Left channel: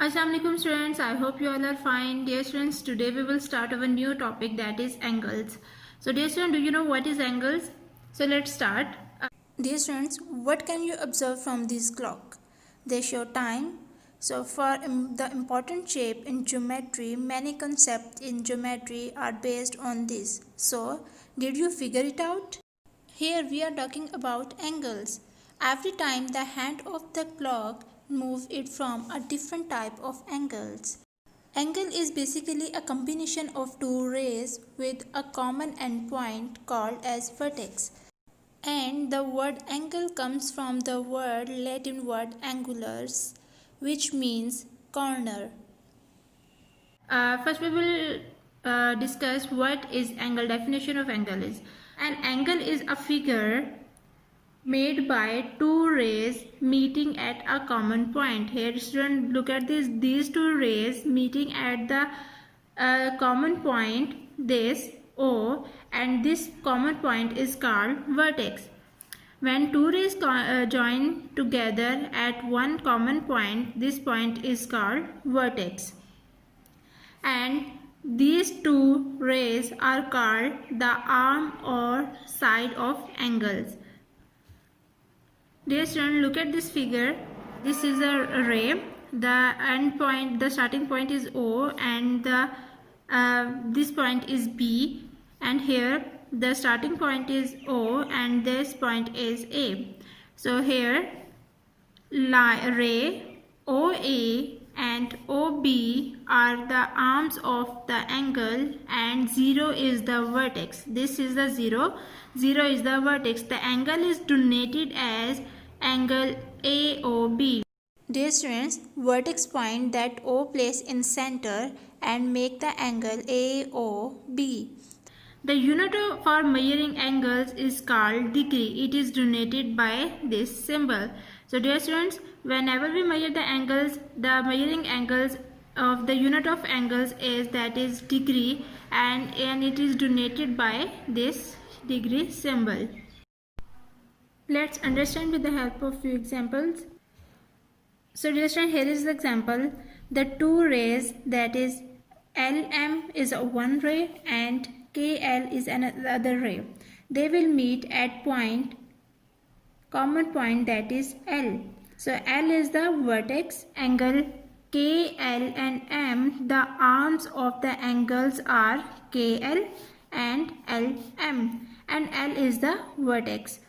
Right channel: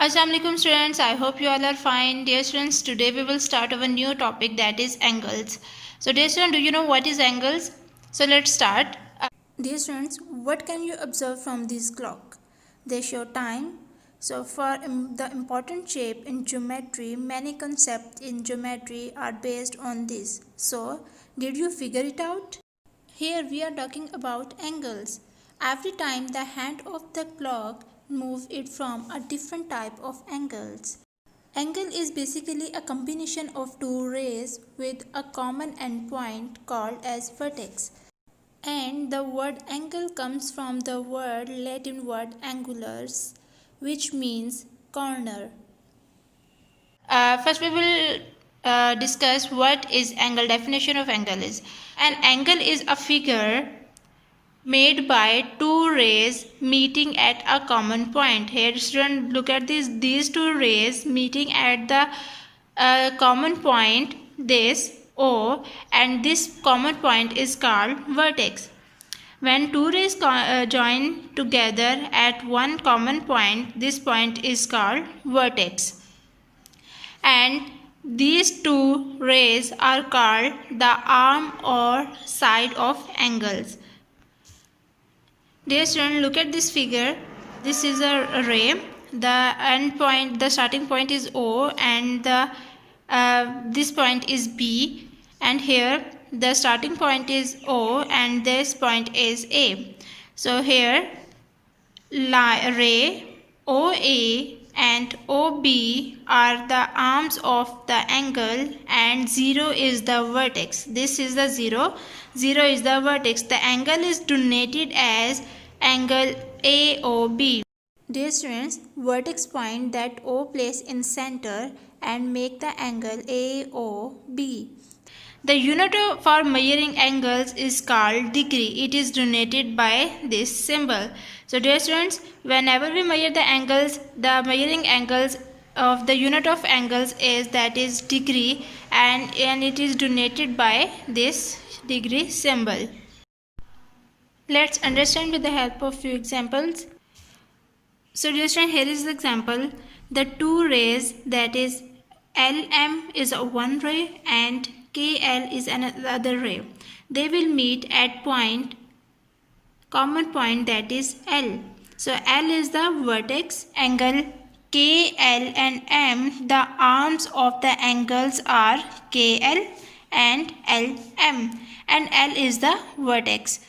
Assalamualaikum students, I hope you all are fine. Dear students, today we will start our new topic, that is angles. So dear students, do you know what is angles? So let's start. Dear students, what can you observe from this clock? They show time. So for the important shape in geometry, many concepts in geometry are based on this. So did you figure it out? Here we are talking about angles. Every time the hand of the clock moves it from a different type of angles. Angle is basically a combination of two rays with a common endpoint called as vertex. And the word angle comes from the Latin word angulus, which means corner. First we will discuss what is angle. Definition of angle is: an angle is a figure made by two rays meeting at a common point. Here student, look at this, these two rays meeting at the common point, this O, and this common point is called vertex. When two rays join together at one common point, this point is called vertex. And these two rays are called the arm or side of angles. Dear student, look at this figure. This is a ray. The end point, the starting point is O, and this point is B. And here the starting point is O, and this point is A. So here ray OA and OB are the arms of the angle, and 0 is the vertex. This is the 0. 0 is the vertex. The angle is denoted as angle AOB. Dear students, vertex point that O place in center and make the angle AOB. The unit for measuring angles is called degree. It is denoted by this symbol. So dear students, whenever we measure the angles, the measuring angles of the unit of angles is, that is, degree, and it is denoted by this degree symbol. Let's understand with the help of few examples. So dear students, here is the example. The two rays, that is LM is one ray and KL is another ray. They will meet at common point, that is L. So L is the vertex angle. KL and M, the arms of the angles are KL and LM, and L is the vertex.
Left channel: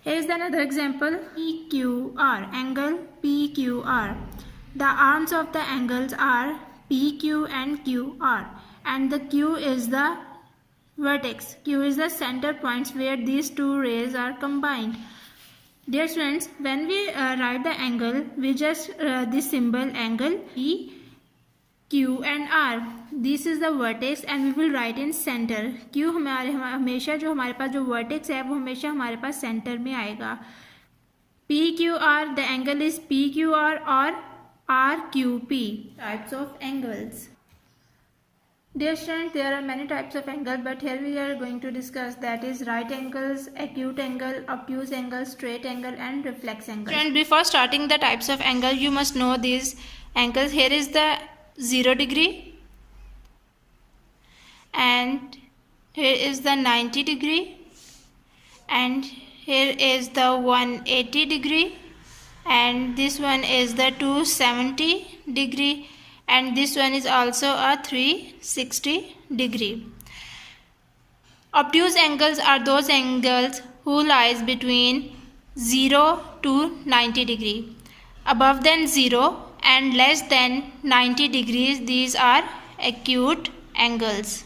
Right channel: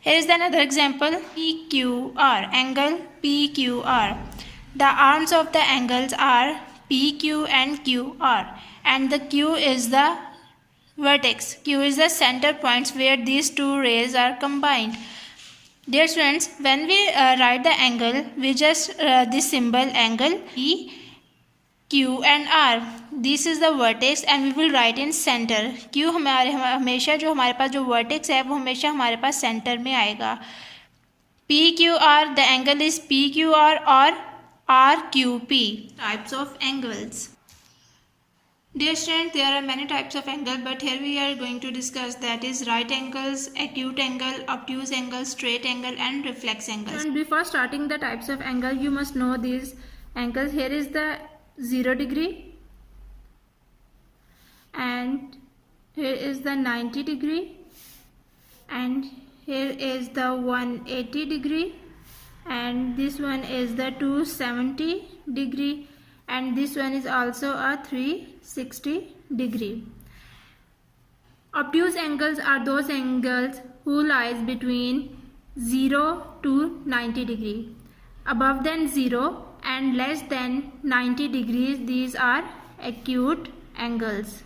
Here is another example, PQR, angle PQR. The arms of the angles are PQ and QR, and the Q is the vertex. Q is the center points where these two rays are combined. Dear students, when we write the angle, we just this symbol angle P, Q and R. This is the vertex and we will write in center. Q हमेशा जो हमारे पास जो vertex है वो हमेशा हमारे पास center में आएगा. PQR, the angle is PQR or RQP. Types of angles. Dear students, there are many types of angle, but here we are going to discuss, that is right angles, acute angle, obtuse angle, straight angle and reflex angle. And before starting the types of angle, you must know these angles. Here is the 0 degree, and here is the 90 degree, and here is the 180 degree, and this one is the 270 degree, and this one is also a 360 degree. Obtuse angles are those angles who lies between 0 to 90 degree. Above than 0 and less than 90 degrees, these are acute angles.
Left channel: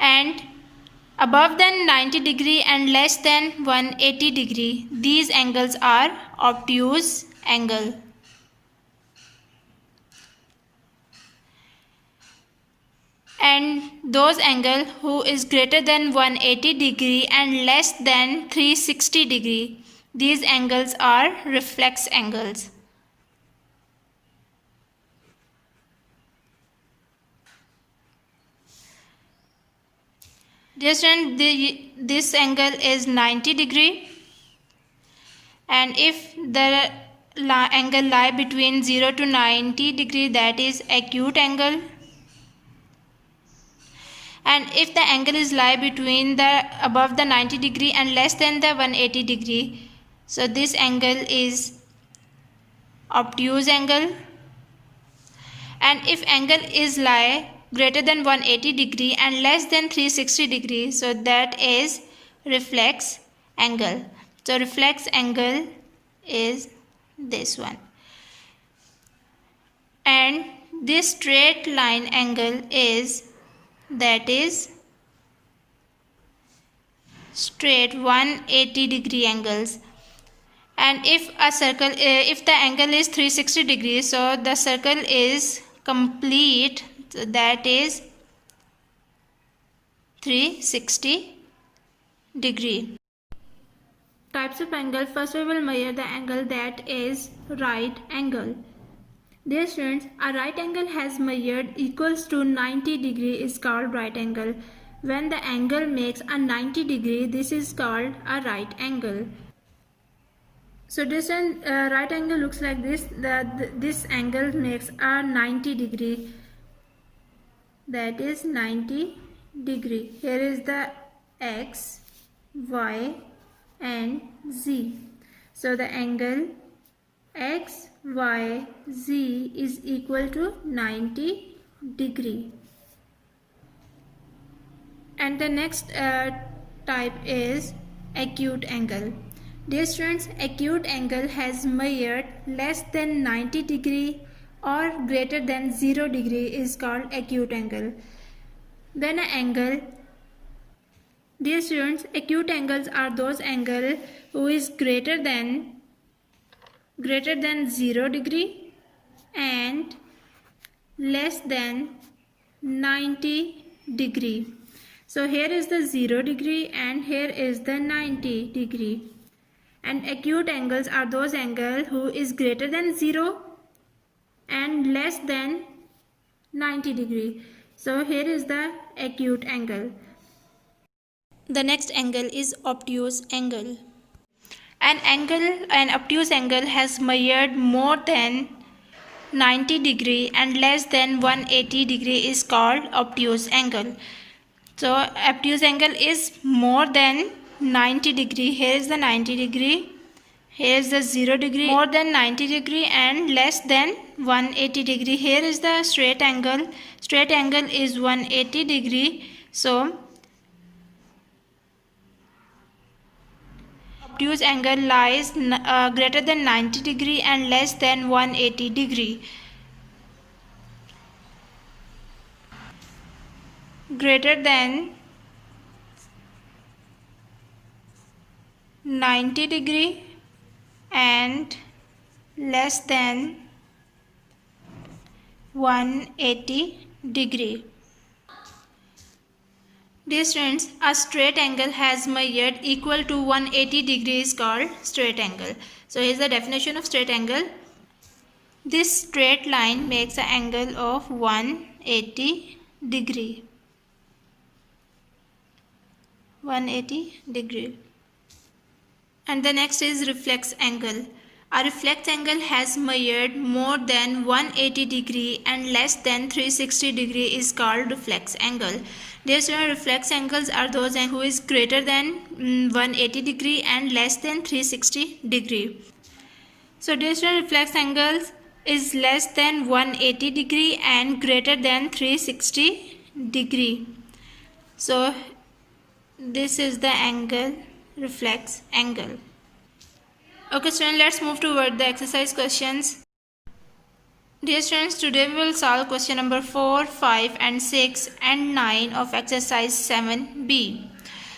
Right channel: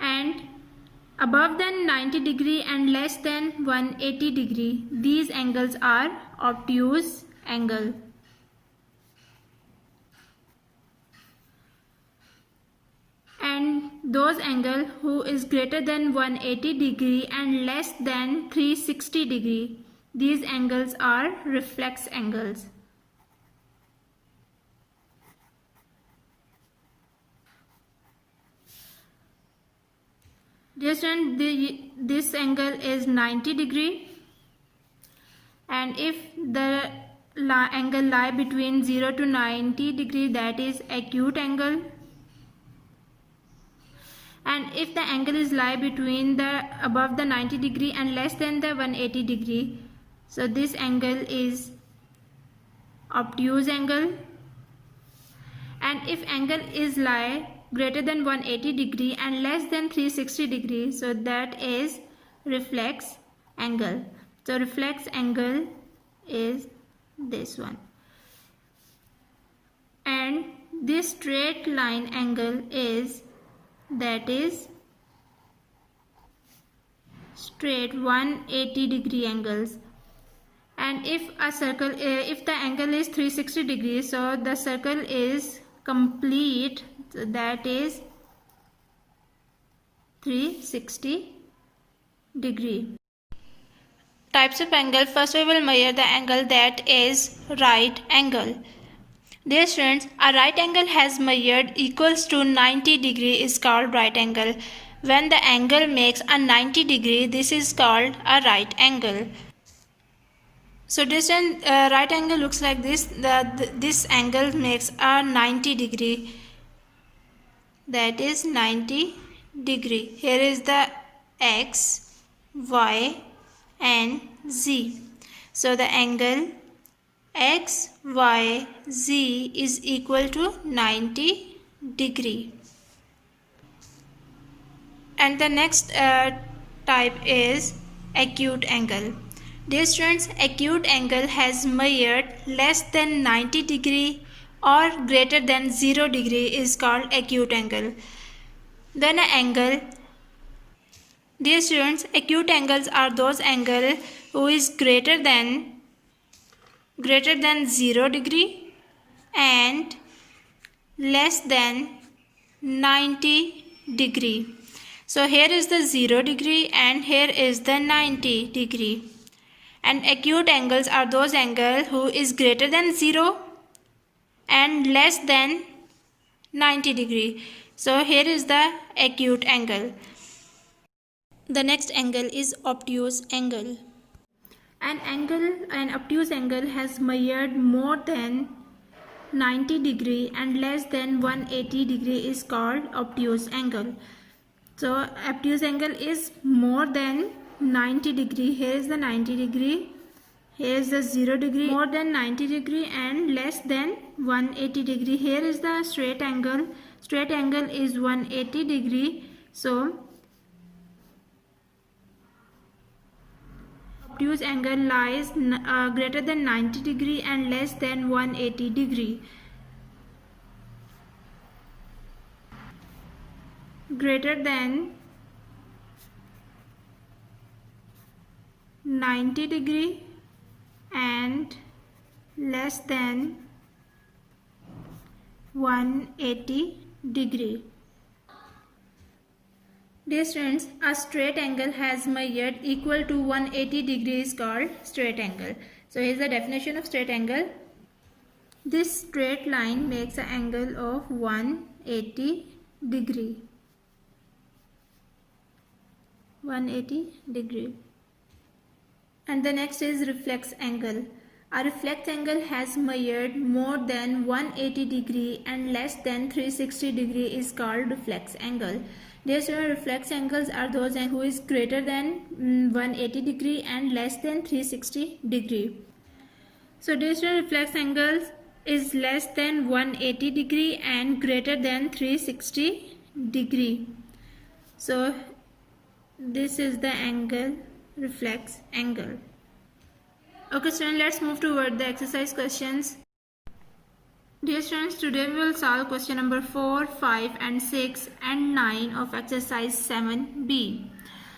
And above than 90 degree and less than 180 degree, these angles are obtuse angle. And those angle who is greater than 180 degree and less than 360 degree, these angles are reflex angles. Just this angle is 90 degree, and if the angle lie between 0 to 90 degree, that is acute angle. And if the angle is lie between the above the 90 degree and less than the 180 degree, so this angle is obtuse angle. And if angle is lie greater than 180 degree and less than 360 degree, so that is reflex angle. So reflex angle is this one. And this straight line angle is, that is straight 180 degree angles. And if a circle, if the angle is 360 degrees, so the circle is complete, so that is 360 degree. Types of angle. First we will measure the angle that is right angle. Dear students, a right angle has measured equals to 90 degree is called right angle. When the angle makes a 90 degree, this is called a right angle. So this right angle looks like this. This angle makes a 90 degree. That is 90 degree. Here is the x, y and z. So the angle x, y, z is equal to 90 degree. And the next type is acute angle. Dear students, acute angle has measured less than 90 degree or greater than 0 degree is called acute angle. Then an angle. Dear students, acute angles are those angles who is greater than 0 degree and less than 90 degree. So here is the 0 degree and here is the 90 degree. And acute angles are those angles who is greater than 0 and less than 90 degree. So here is the acute angle. The next angle is obtuse angle. An obtuse angle has measured more than 90 degree and less than 180 degree is called obtuse angle. So obtuse angle is more than 90 degree. Here is the 90 degree. Here is the 0 degree. More than 90 degree and less than 180 degree. Here is the straight angle. Straight angle is 180 degree. So obtuse angle lies greater than 90 degree and less than 180 degree. Greater than 90 degree and less than 180 degree. Dear students, a straight angle has measured equal to 180 degrees called straight angle. So here is the definition of straight angle. This straight line makes an angle of 180 degree. 180 degree. And the next is reflex angle. A reflex angle has measured more than 180 degree and less than 360 degree is called reflex angle. Dear students, reflex angles are those who is greater than 180 degree and less than 360 degree. So dear students, reflex angles is less than 180 degree and greater than 360 degree. So this is the angle, reflex angle. Okay students, let's move toward the exercise questions. Dear students, today we will solve question number 4, 5 and 6 and 9 of exercise 7b.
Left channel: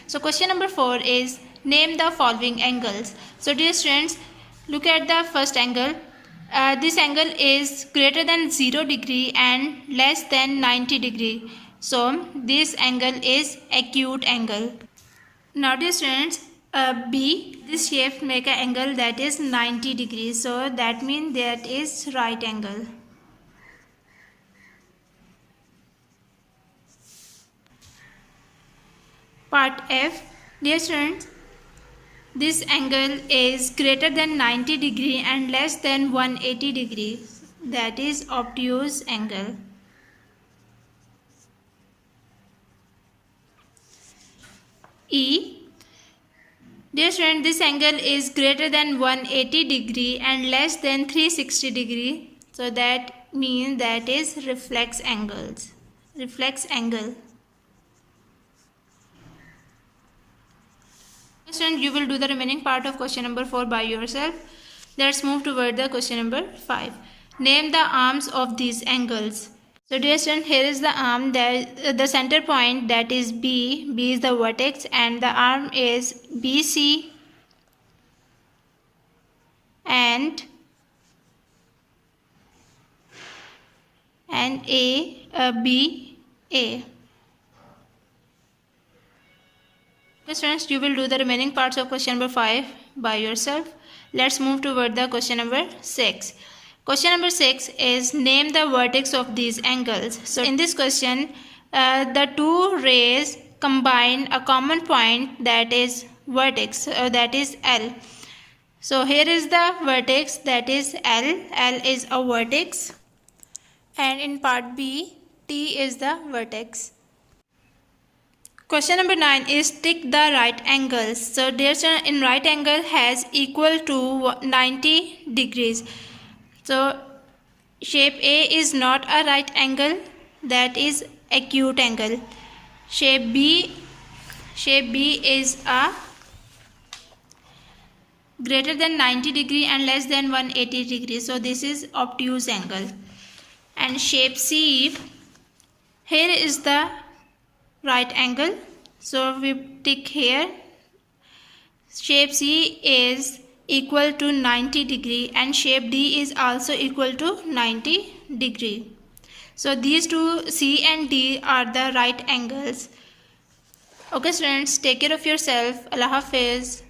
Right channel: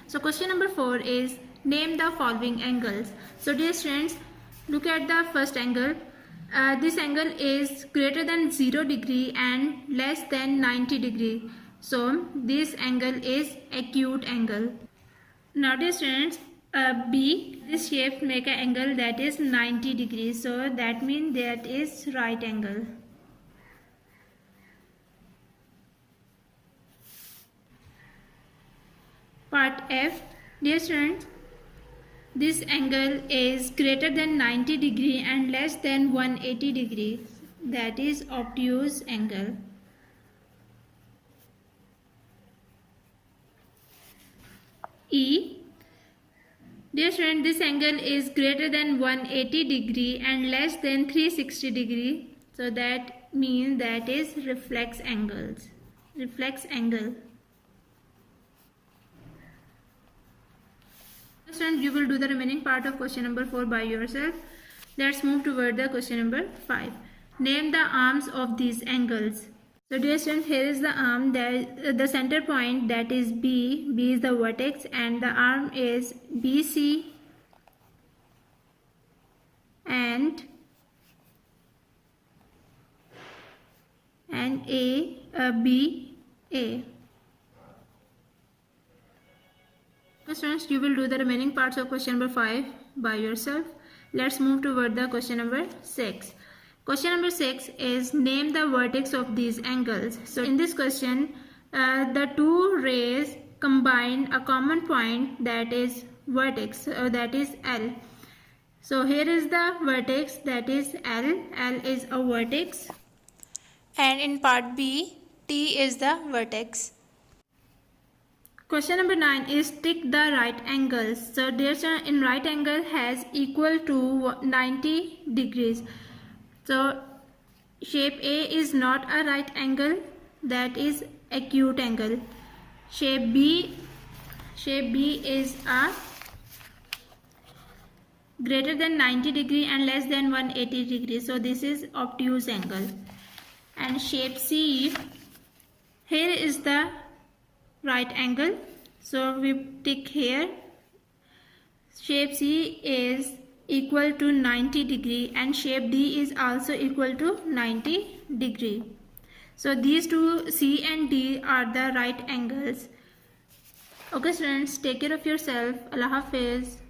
So question number 4 is name the following angles. So dear students, look at the first angle. This angle is greater than 0 degree and less than 90 degree. So this angle is acute angle. Now dear students, B, this shape make an angle that is 90 degrees. So that means that is right angle. Part F, dear students, this angle is greater than 90 degree and less than 180 degrees. That is obtuse angle. E. Dear student, this angle is greater than 180 degree and less than 360 degree. So that means that is reflex angles. Reflex angle. Student, you will do the remaining part of question number 4 by yourself. Let's move toward the question number 5. Name the arms of these angles. So dear student, here is the arm, the center point, that is B. B is the vertex and the arm is BC and BA. Okay students, you will do the remaining parts of question number 5 by yourself. Let's move toward the question number 6. Question number 6 is name the vertex of these angles. So in this question, the two rays combine a common point, that is vertex, that is L. So here is the vertex, that is L. L is a vertex. And in part B, T is the vertex. Question number 9 is tick the right angles. So dear student, in right angle has equal to 90 degrees. So shape A is not a right angle, that is acute angle. Shape B is a greater than 90 degree and less than 180 degree. So this is obtuse angle. And shape C, here is the right angle. So we tick here. Shape C is equal to 90 degree and shape D is also equal to 90 degree. So these two, C and D, are the right angles. Okay students, take care of yourself. Allah Hafiz.